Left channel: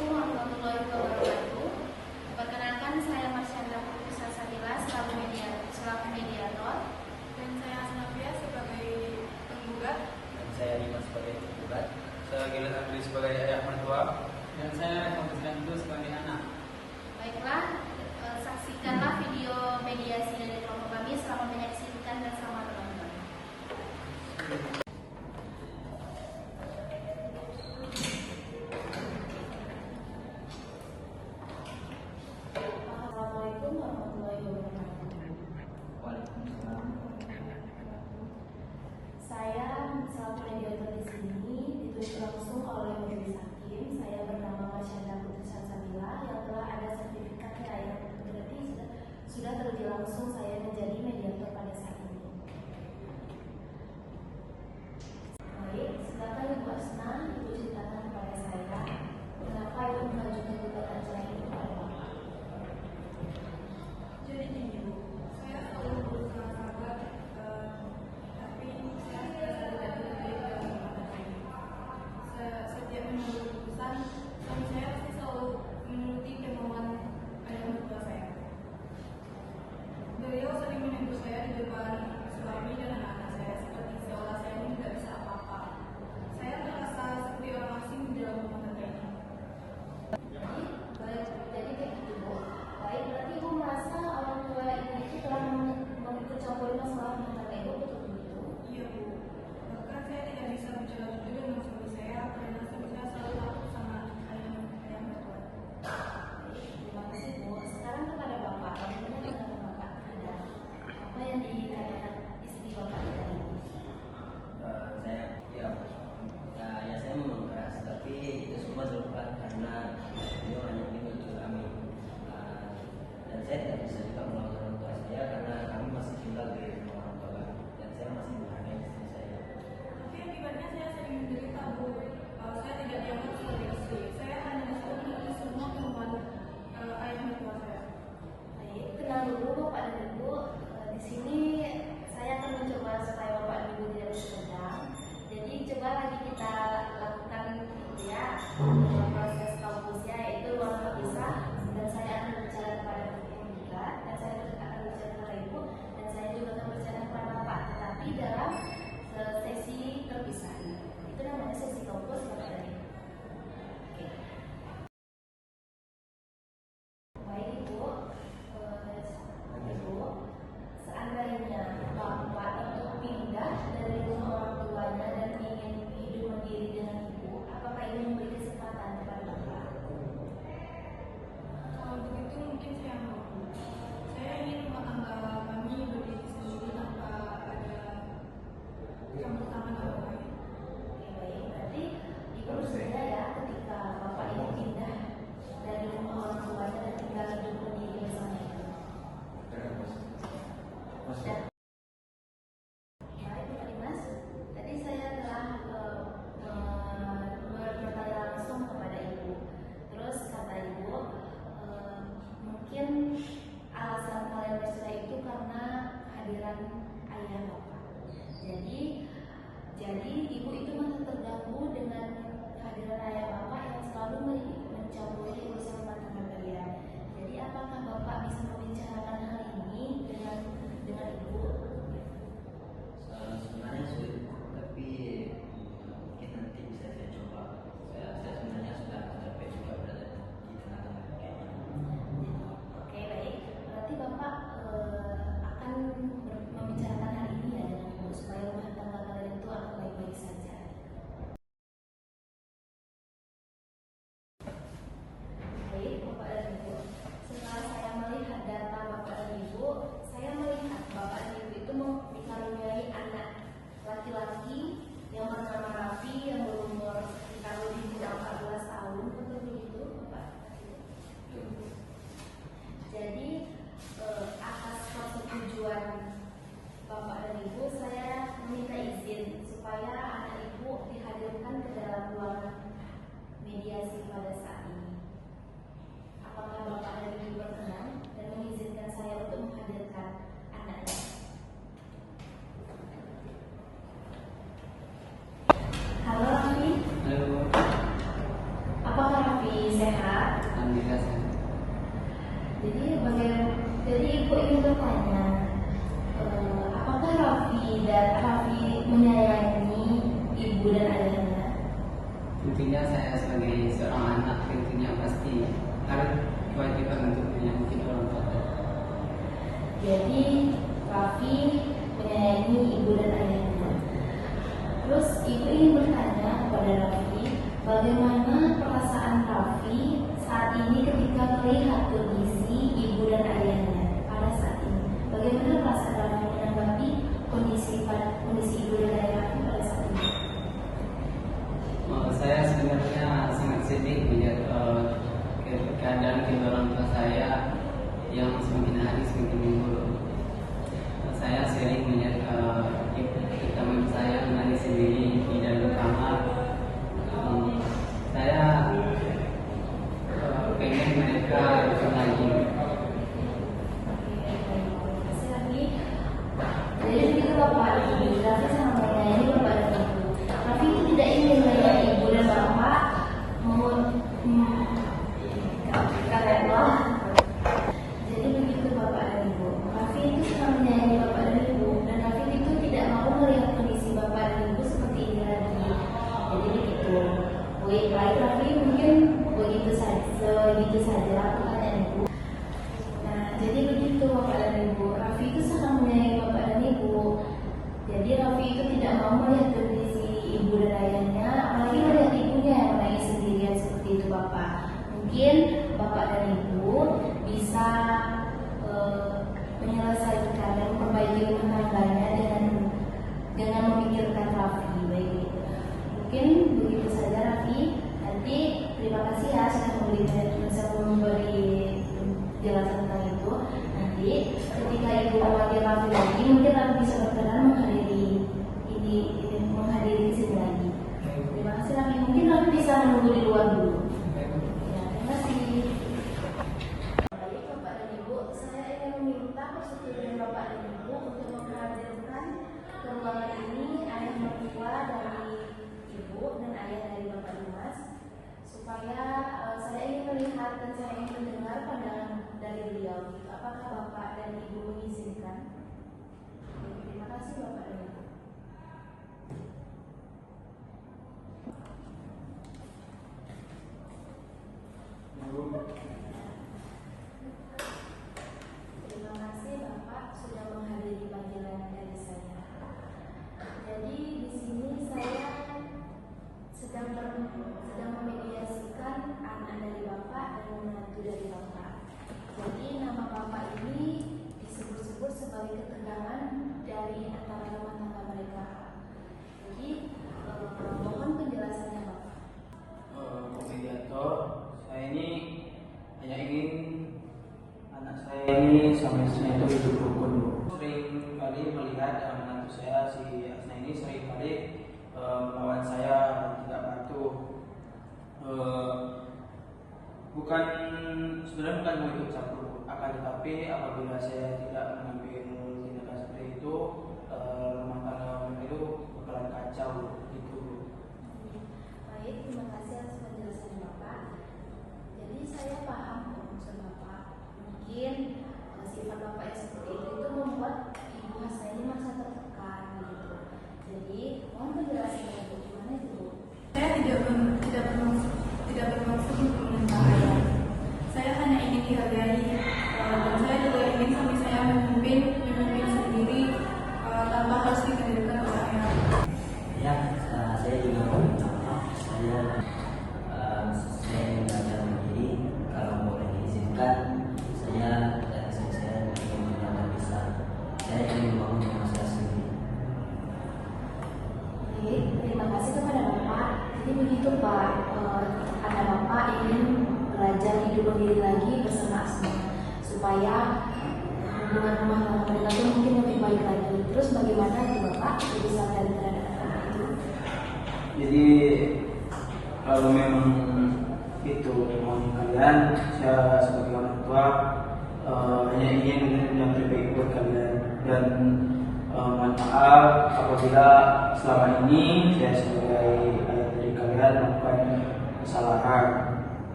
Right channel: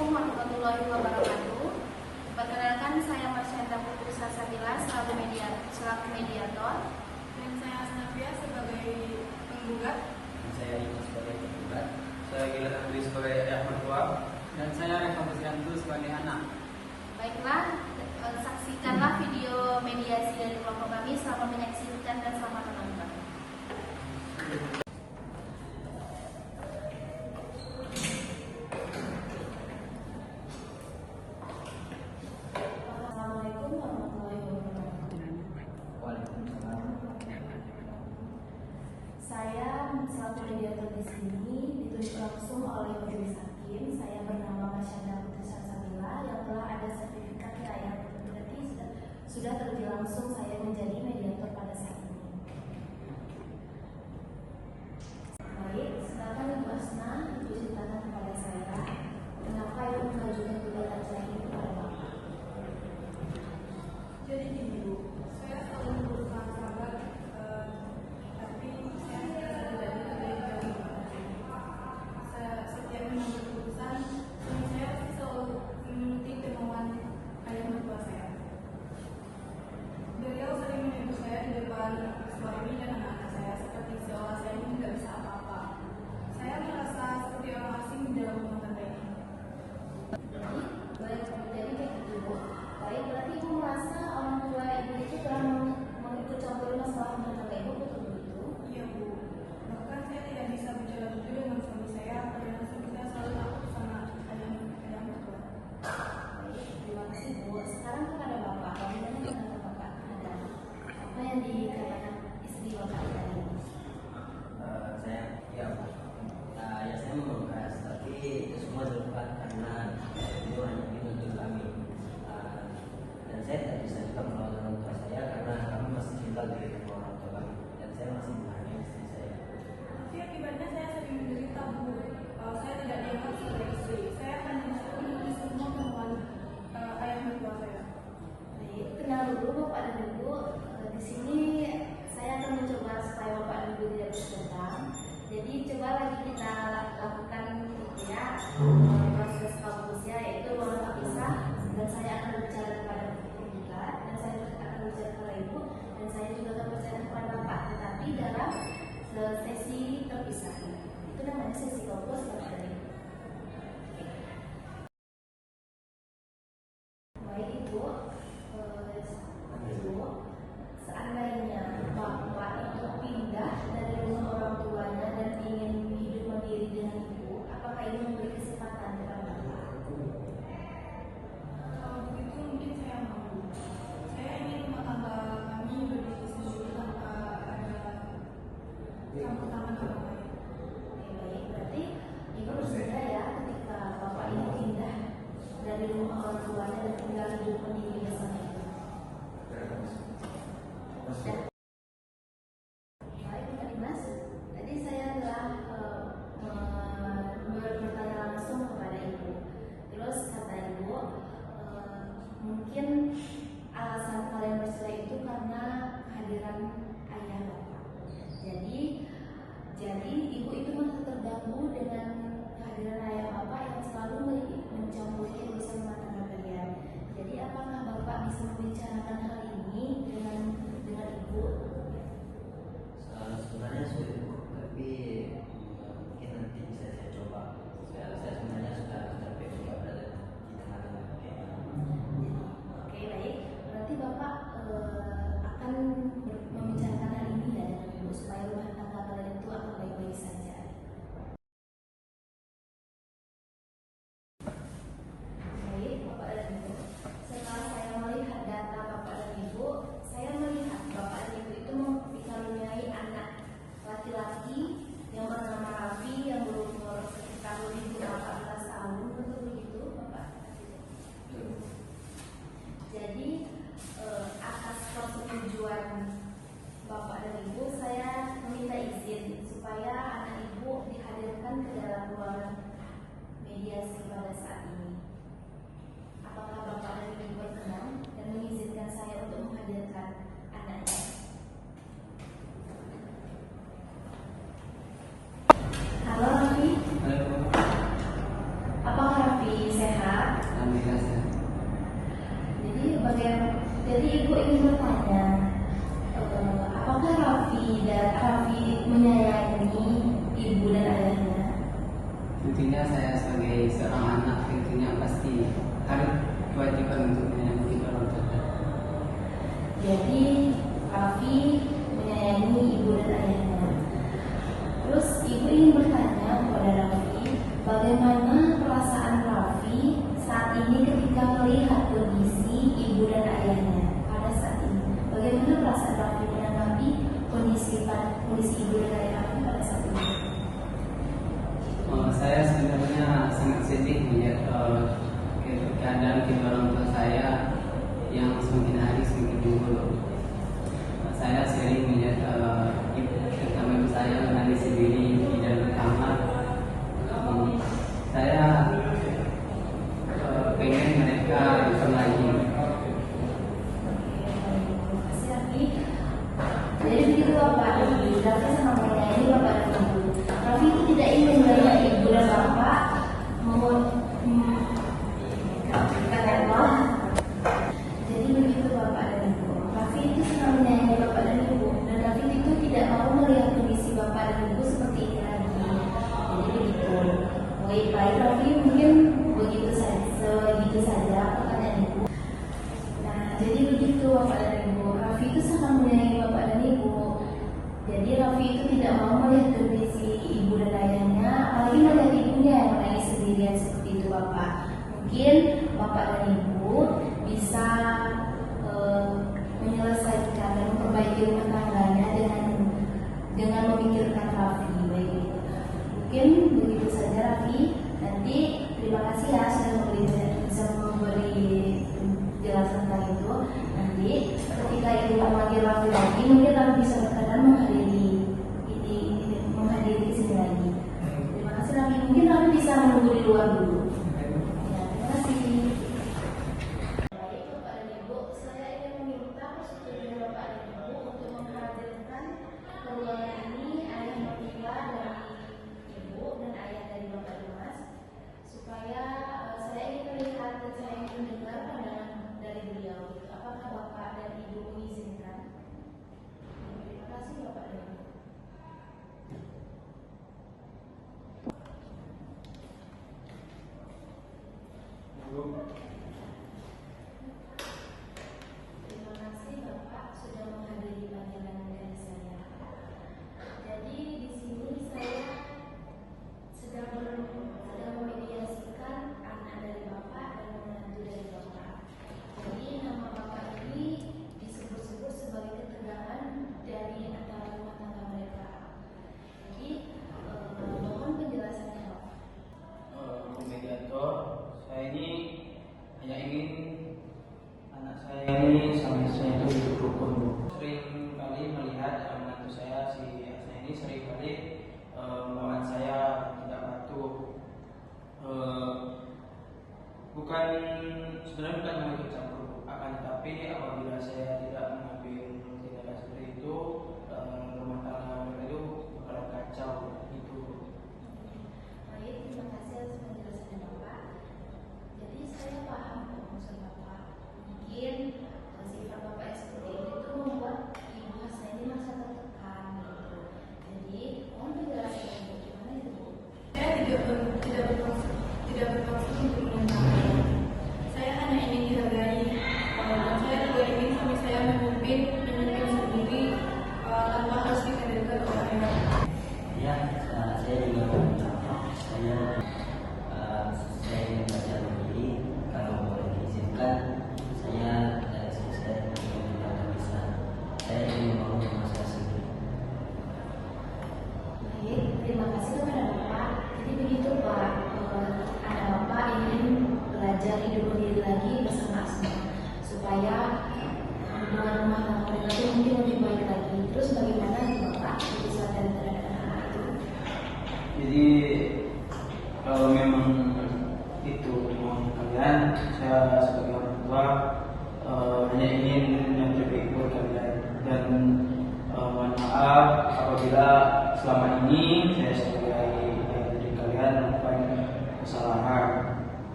Assalamualaikum warahmatullahi wabarakatuh. Perkenalkan, saya Marsyanda Putri Salsabila selaku mediator. Dan saya Asnafia sebagai penggugat. Dan saya Dimas sebagai penggugat. Saya Gilang Abdi sebagai ayah mertua. Dan saya Kompetensi sebagai anak. Baiklah, saksikanlah video mediasi dari kelompok kami. Selamat menyaksikan dan selamat menonton. Assalamualaikum warahmatullahi wabarakatuh. Waalaikumsalam. Saya selaku mediator di sini ditunjuk langsung oleh majelis hakim. Saya bernama Marsyanda Putri Salsabila yang telah ada sertifikat wilayah berarti sudah terjadi langsung saya menjadi mediator pada saat ini. Baik, silakan Ibu Asna, Ibu ceritakan kepada saya mengapa Ibu mengajukan gugatan cerai itu pada Bapak. Jadi gini Bu, saya selalu berusaha sabar, tapi saya tidak bisa setiap mengambil keputusan, suami saya pasti selalu mengikuti kemauan ayah mertua saya. Beliau sering menegur saya di depan suami dan anak-anak saya seperti seolah saya ini tidak bisa apa-apa. Saya merasa seperti orang asing di dalam rumah tangga ini. Jadi begitu Bu. Baik, berarti Ibu merasa orang tua Ibu itu telah mengikut campuri masalah rumah tangga Ibu, betul begitu? Iya Bu, bahkan saya tidak bisa bicara jujur dengan suami saya karena kita selalu takut sama ayah mertua. Baik, terima kasih Bu. Sekarang kepada Bapak, bagaimana dengan Bapak terhadap apa yang dikatakan istri Bapak tadi? Saya ya memang keras, tapi itu semua terlepas karena beliau hanya menuntut kami. Dan saya tidak bisa juga melawan orang tua saya karena kami masih tinggal di rumah orang tua kami dan saya masih menghargai istri saya. Tapi akibatnya saya sering menderita Bu. Saya tidak dianggap sebagai istri. Saya hanya disuruh memenuhi semua kemauan ayah mertua saya. Baik, tenang dulu Bapak dan Ibu. Di sini saya akan mencoba supaya Bapak dan Ibu tidak tegang. Jadi coba lagi kita lakukan ya proses kampusnya yaitu ruangan terpisah dan saya akan berbicara kepada penggugat dan saya akan berbicara kepada Ibu dan saya juga akan berbicara kepada Bapak, tetapi dalam sesi terpisah. Itu namanya sesi kampus Bapak dan Ibu. Baik Ibu, seandainya Bapak itu pindah dari rumah orang tuanya dan ingin hidup mandiri dengan Ibu, apakah Ibu memberi kesempatan kepada Bapak? Kalau begitu mungkin saya mau. Saya ingin rumah tangga kami berdiri sendiri tanpa ada campur tangan orang lain. Oke, baik, berarti Ibu bersedia ya ketika Bapak ini pindah dari rumah orang tuanya dan tinggal hidup mandiri bersama Ibu. Ya. Baik Pak Dimas, tadi saya telah bertanya langsung kepada Ibu. Terus kata Ibu, mungkin alasan kalian bercerai itu karena kehadiran ayah Bapak. Jadi Ibu itu masih terganggu dengan kehadiran ayah Bapak yang selalu mencampuri urusan rumah tangga kalian. Jadi apakah Bapak bisa membicarakan hal ini dengan Ibu? Sebenarnya sulit, tapi mungkin nanti bisa saya coba. Saya sebenarnya sudah capek juga berada di tengah-tengah kayak ini. Oke, baik. Berarti Bapak akan membicarakan hal ini ya dengan Ibu supaya rumah tangga kalian itu akan baik-baik saja. Baik, Bapak dan Ibu. Setelah saya melihat data Bapak dan Ibu, saya melihat Bapak dan Ibu itu dikaruniai anak laki-laki yang bernama Raffi yang berumur sekitar lebih dari 14 tahun, betul begitu Bapak? Jadi atas persetujuan Bapak dan Ibu, saya meminta izin supaya anak Ibu dihadirkan ke dalam ruangan mediasi pada saat ini. Apakah Bapak dan Ibu berkenan dan mengizinkan saya untuk menghadirkan anaknya? Halo Raffi. Halo. Apakah Raffi sehat? Jadi ibu ingin bertanya, apakah Raffi menyayangi ibu dan ayahnya? Tentunya saya sebagai seorang anak tentunya pasti harus kewajiban untuk menyayangi orang tua. Jadi Raffi menyayangi ibu dan ayahnya. Terus ibu ingin bertanya kepada Raffi, bagaimana perasaan Raffi saat ini ketika melihat kondisi ibu dan ayahnya pada saat ini? Bagaimana perasaan Raffi menanggapi kondisi ibu dan ayah Raffi pada saat ini? Saya sebenarnya sangat sedih melihat keadaan kedua orang tua saya yang semakin hari semakin memburuk. Saya sering melihat terutama ibu saya menangis sendiri di dalam kamar. Saya pengen mereka itu lagi. Jadi begitu Bapak Ibu, Raffi sangat menyayangi Bapak dan Ibu. Raffi itu tidak ingin melihat Ibu dan Bapak kalian malah. Jadi begitu Bapak dan Ibu. Raffi itu sangat menyayangi Bapak dan Ibu, dan Raffi juga tidak mau melihat kondisi Bapak dan Ibu seperti ini lagi. Jadi begitu. Baik Raffi mungkin begitu saja pertanyaan Ibu. Nah, jadi begitu Bapak dan Ibu. Raffi itu sangat menyayangi Bapak dan Ibu. Jadi Raffi itu tidak mau melihat kondisi ibu dan ayahnya, apalagi melihat ibunya yang menangis sendirian seperti itu Bapak. Mungkin Bapak dan Ibu bisa menyelesaikan dan memperbaiki rumah tangganya dengan memikirkan Raffi. Mungkin begitu saja Raffi. Nanti terima kasih ya sudah memberi jelasan tentang itu. Nanti ketika dipanggil Raffi lagi, mungkin Raffi bisa berkenan menghadiri di sini lagi. Terima kasih Raffi. Mungkin Raffi bisa menunggu di luar dulu. Ya, terima kasih. Baik Bapak dan Ibu, saya ingin meminta persetujuan Bapak dan Ibu untuk menghadirkan ke ruangan ini ayah mertua dari Ibu dan ayah dari Bapak Dimas, supaya saya ingin melihat dan saya ingin mendengar pandangan dari beliau. Apakah Bapak dan Ibu mengizinkan? Terima kasih Bapak dan Ibu. Terima kasih Bapak sudah menghadiri panggilan dari saya. Jadi di sini saya sedang memediasikan anak dari Bapak dan menantu dari Bapak. Jadi nama Bapak ini disebut-sebut sebagai ketegangan dari antara rumah tangga mereka. Jadi mohon penjelasannya Bapak. Mediator, saya ini hanya ingin anak saya ini sama istrinya itu hidup rukun. Sering kali melihat menantu saya si Asna ini sering kali melawan saya tidak patuh. Sebenarnya bukan mau ikut campur, akan tetapi apabila saya tidak mengambil tindakan seperti itu, rumah tangga mereka itu bakalan kacau gitu. Baik, terima kasih atas penjelasan Bapak. Jadi saya paham maksud Bapak. Mungkin sifat Bapak yang seperti ini itu membuat ibu saya ini merasa tertekan gitu. Jadi mohon penjelasan Bapak gimana itu Bu? Saya tidak bermaksud untuk menentang. Saya hanya ingin dihargai. Dan saya juga ingin suami saya memimpin sendiri tanpa harus dikendalikan oleh ayah. Ya, saya juga saya belajar mandiri. Kalau boleh diizinkan, saya dari sini saya tidak bisa. Saya ingin mau demonstrasi. Baik, terima kasih kepada Bapak. Jadi begitu Pak, anak Bapak ingin belajar hidup mandiri lagi bersama Asma, supaya hubungan rumah tangga mereka itu mungkin lebih baik lagi. Terus bagaimana itu Bapak bisa terhadap anak itu? Jadi kalau memang itu mau kalian, saya sebagai orang tua hanya ingin yang terbaik buat kalian dan mohon maaf apabila selama ini saya sebagai ayah dari kalian melakukan kesalahan,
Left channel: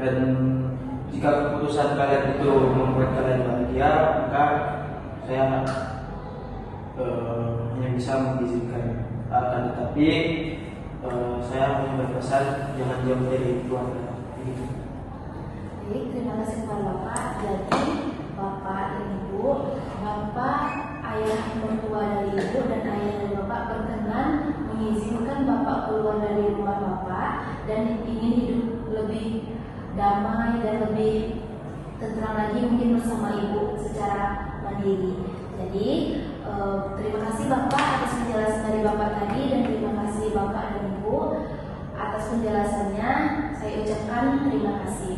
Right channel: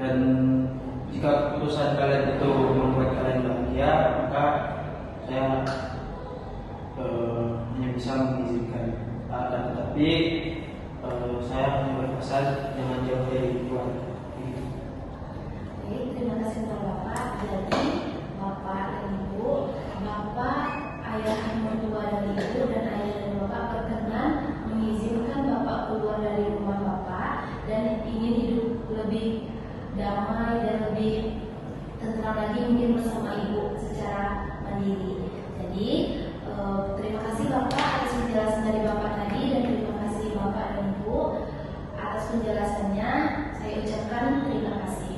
dan jika jika keputusan kalian itu membuat kalian bahagia, maka saya hanya bisa mengizinkan. Tetapi saya hanya berpesan jangan jauh dari keluarga. Baik, terima kasih kepada Bapak. Jadi Bapak dan Ibu, Bapak ayah mertua dari Ibu dan ayah dan Bapak berkenan mengizinkan Bapak keluar dari rumah Bapak dan ingin hidup lebih damai dan lebih tentram lagi mungkin bersama Ibu secara mandiri. Jadi terima kasih Bapak atas penjelasan dari Bapak tadi dan terima kasih Bapak dan Ibu atas penjelasannya. Saya ucapkan terima kasih.